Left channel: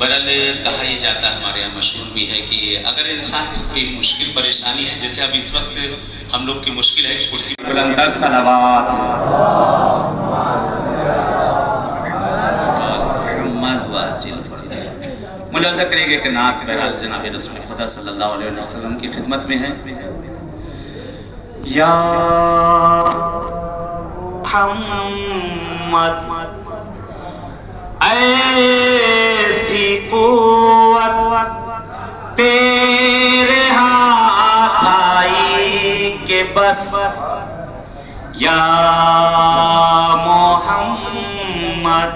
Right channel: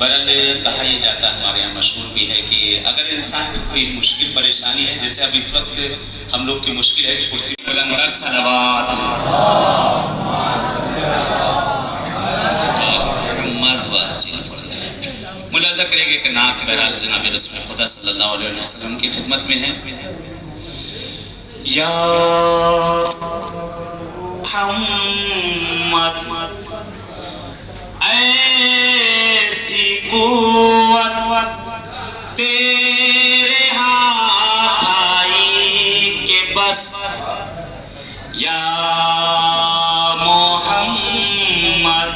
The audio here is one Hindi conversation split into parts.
बहरहाल कहा यह जाता है, हमारे यहाँ मशहूर भी है कि अगर इंसान को कोई मुश्किल परेशानी है, जैसे अब इस वक्त हम लोग की मुश्किल है कि कुर्सी पर अंदर सलावत मुलाजा करेंगे कि नात बहरहाल जनाब रसूल खुदा सल्लल्लाहु अलैहि वसल्लम की खिदमत में है। या मोहम्मद ऐसी कुव्वत तेरे हाथ आई के बस। या मोहम्मद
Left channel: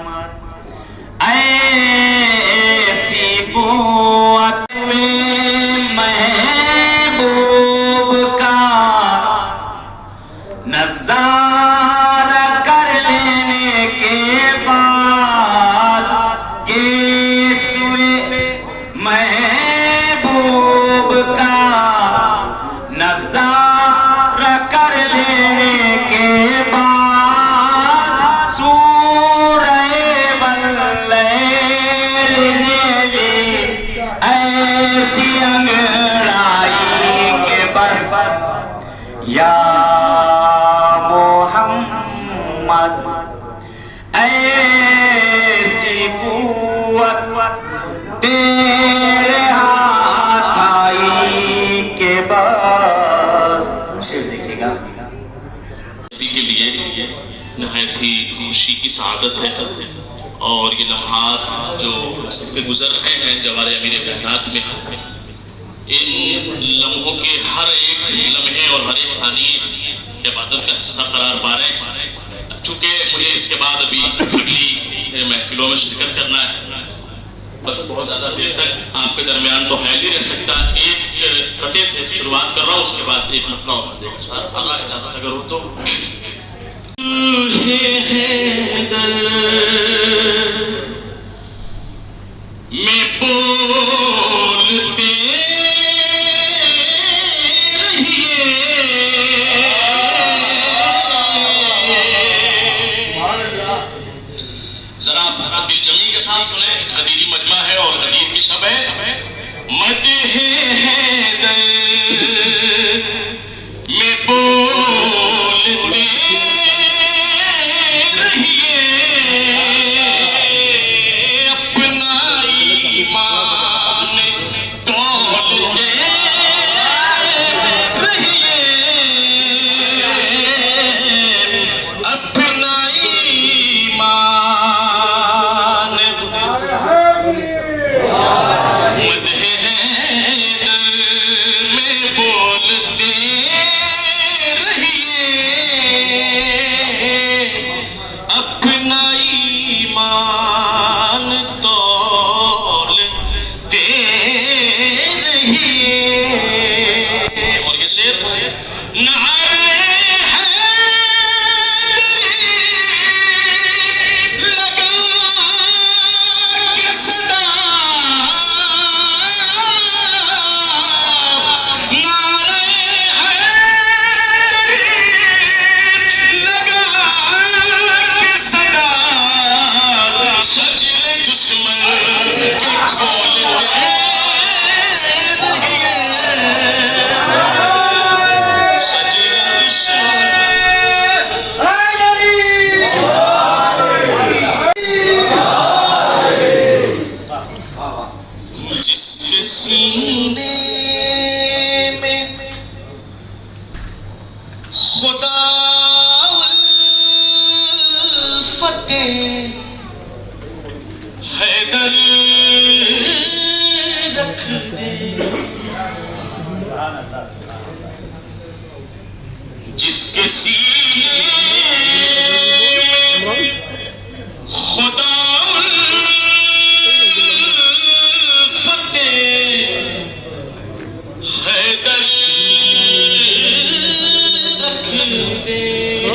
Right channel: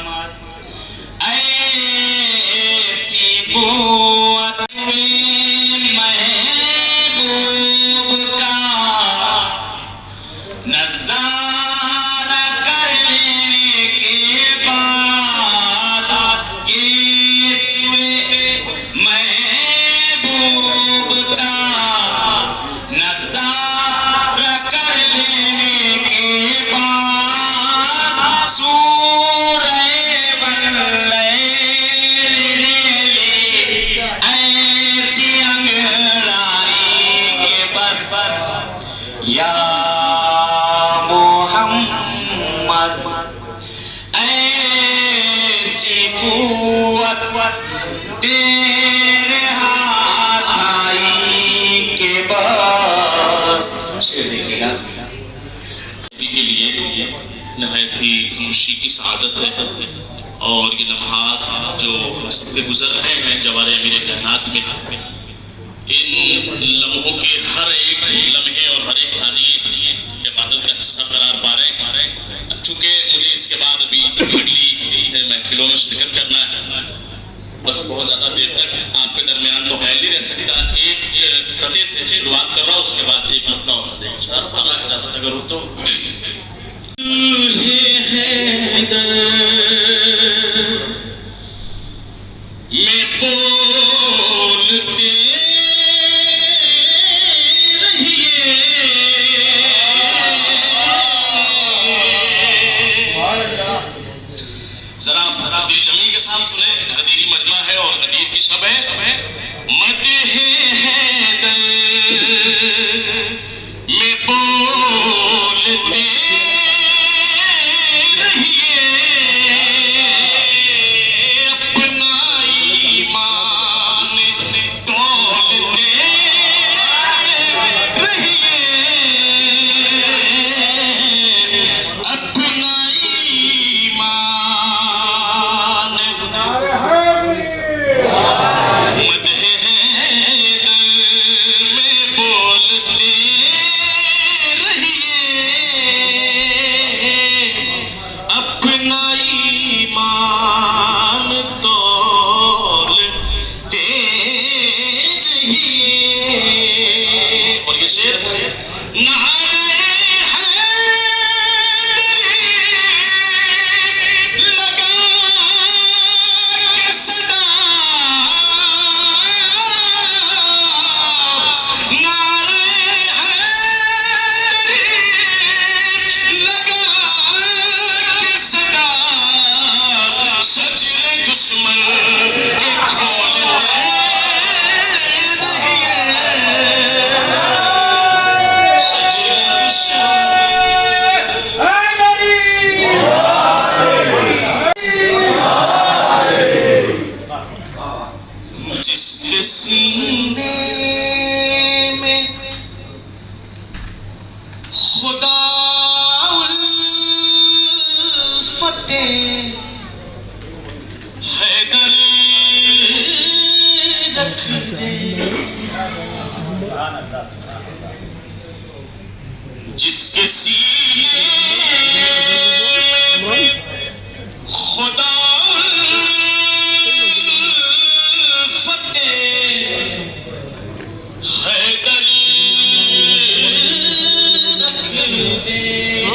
ऐसी कुव्वत महबूब का नज़ारा कर लेने के बाद केसुए महबूब का नज़ारा कर लेने के बाद सूरह वल्लैल ने ली ऐसी अंगड़ाई के बस। या मोहम्मद ऐसी कुव्वत तेरे हाथ आई के बस। के लिए नहायत ही खुशी की सआदत है और ये लम्हात जो सबके गुजर रहे हैं जवारे अमीर कायनात में, इन लम्हों के हर एक लम्हे और हर एक सानिए इबादत का हिस्सा करार पा रहे हैं। चूँकि मुझे इसके बाद अभी अगली महफिलों में शिरकत करना है, बस बहुत ज़्यादा देर तक आपके दरमियान तो है नहीं रह सकता। एक खते से शुरुआत कर रहा हूँ, उसके बाद एक मतला होता देगा इजाज़त अगर हो तो। में बोलते जरा दिल जमी के साथ सुने। गदीरी मजमा है और गदीर की शब है। मदह हैदर में बोलते रहिए, अपना ईमान तोलते रहिए, अपना ईमान। मदह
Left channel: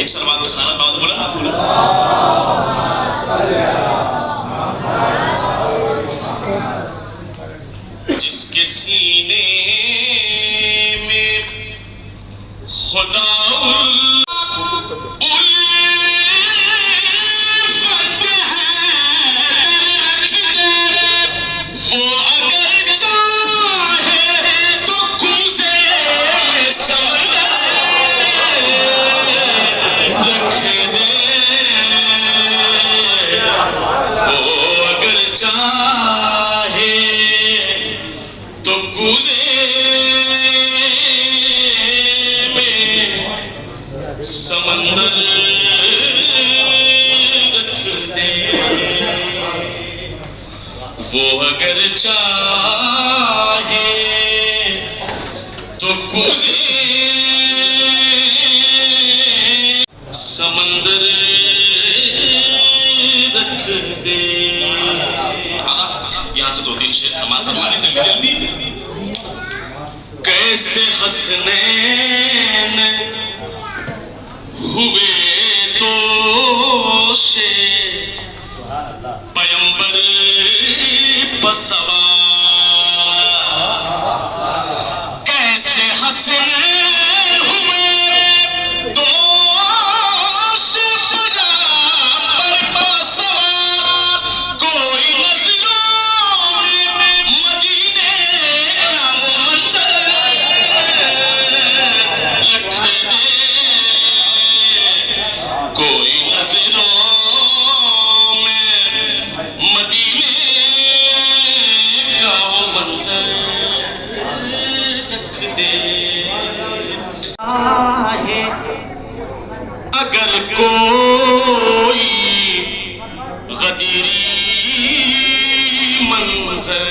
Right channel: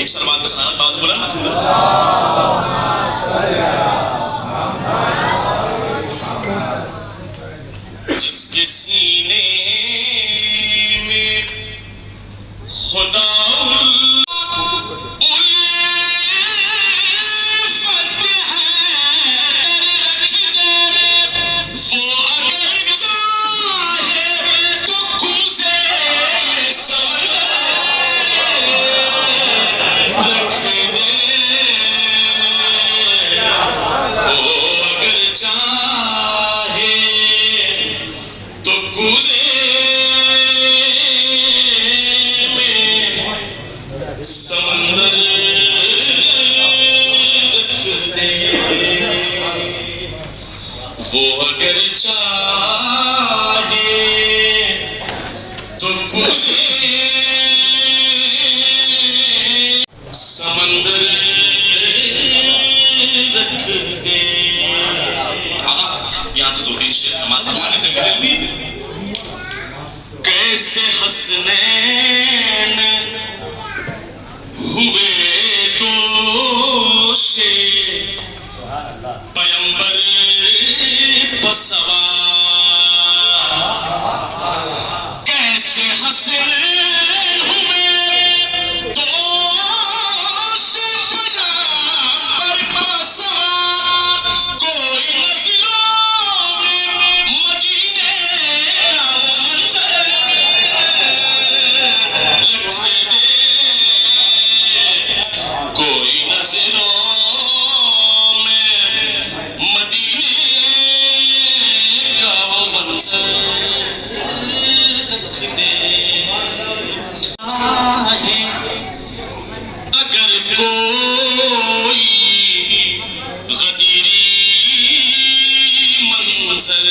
एक सलवात का सारा बात बोला। जिसके सीने में खुदा वो अगर चाहे तो कुझे समंदर रख दे। यहाँ से 2-3 शेर समाप्त करवाने के लिए कैसे हसनैन हुए दोषे पैगंबर सवार, कैसे हसनैन हुए दोषे पैगंबर सवार, कोई नज़रों में मदीने का वो मंजर रख दे, कोई नज़रों रख दे। अगर कोई गदीरी मंजर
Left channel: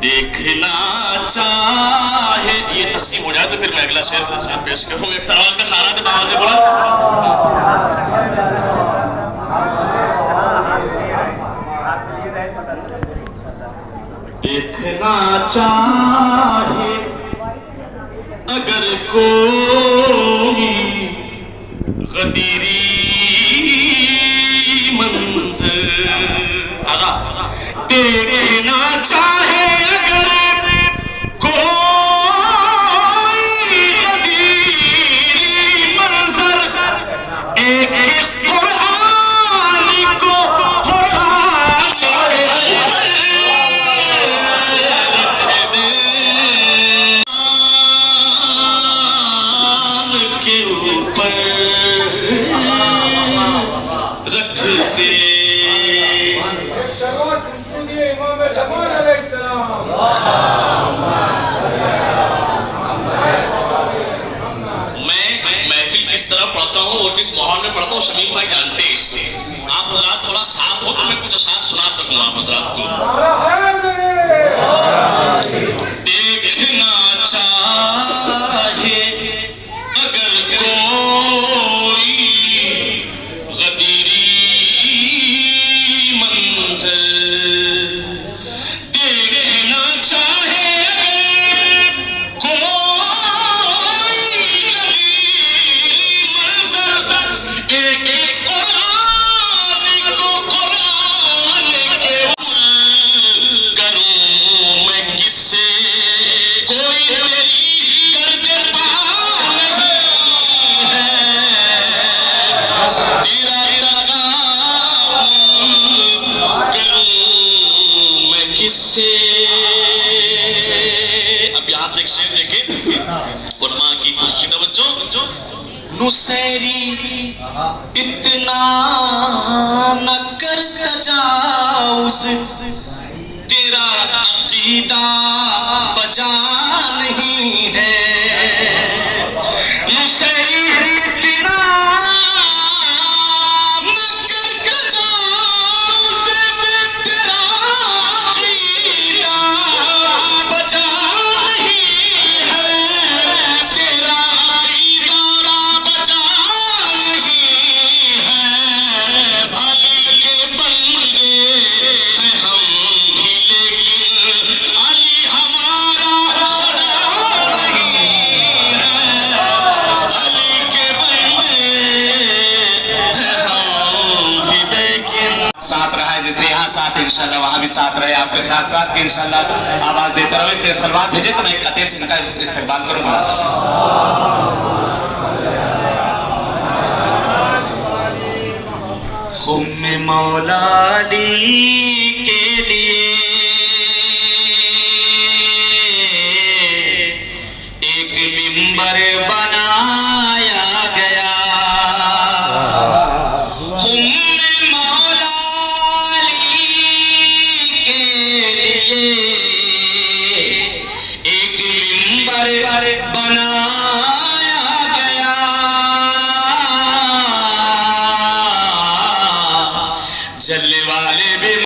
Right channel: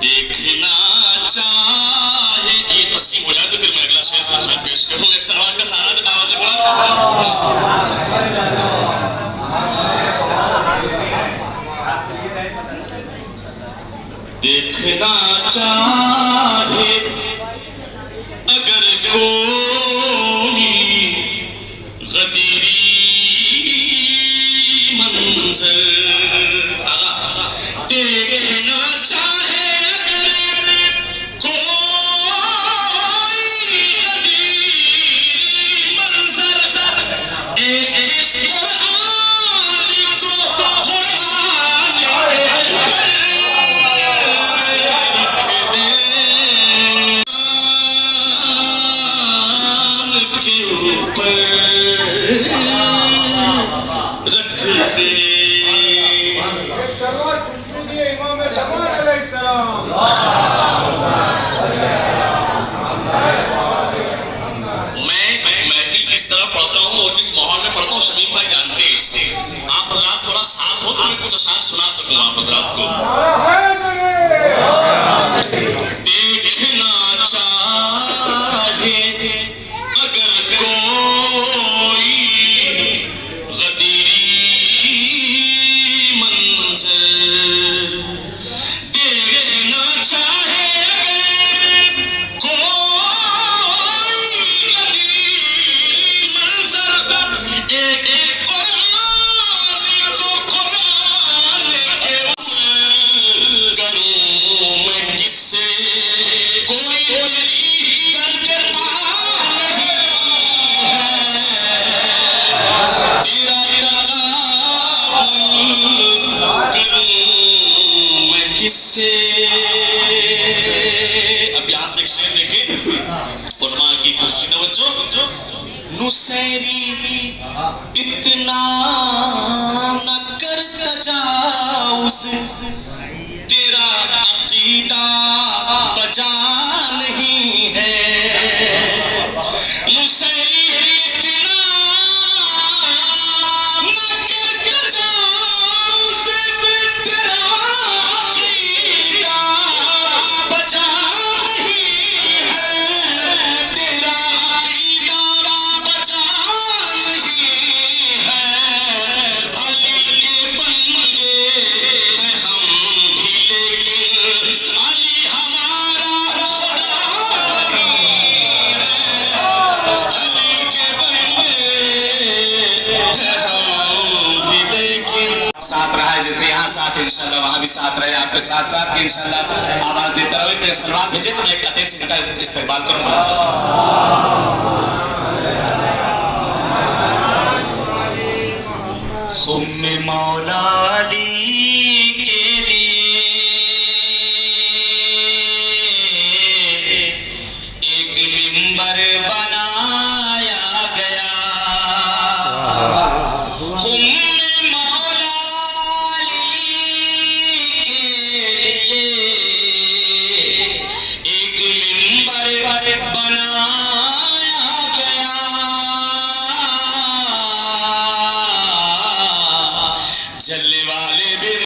देखना चाहे, ये तकसीम हो जाए तो फिर मैं अगला शेर पेश करूँ। एक सवाल का सारा तो आवाज़ बोला। देखना चाहे अगर कोई गदीरी मंजर, आगा देखना चाहे अगर कोई गदीरी मंजर, एक रख दे। मैं महफिल किस तरह पढ़ता हूँ और किस माहौल में पढ़ता हूँ, शमीम भाई जानते हैं इसको। आप हजरात थोड़ा साथ हो तो मैं कुछ अशार सुना सकूँ आप हजरात को। देखना चाहे अगर कोई गदीरी मंजर, देखना चाहे अगर कोई गदीरी मंजर, एक कुरान को कुरान के करूं मैं किससे, कोई मेरी करता किससे। अब यहाँ से एक शेर देखें, उलमा की कुछ तवज्जो। नुसैरी इतना न कर तजाउज़, तेरा अकीदा बजा नहीं है। नुसैरी इतना न कर तजाउज़, तेरा अकीदा बजा नहीं है, तेरा अकीदा बजा नहीं है। अली के बंदे हैं हम भी, लेकिन अली हम के साथ साथ कि इंशाल्लाह आवाज देते रहो। इतने सलवात भेजे तो मैं एक कते से इनका इस्तेमाल करूँ बुलाता हूँ।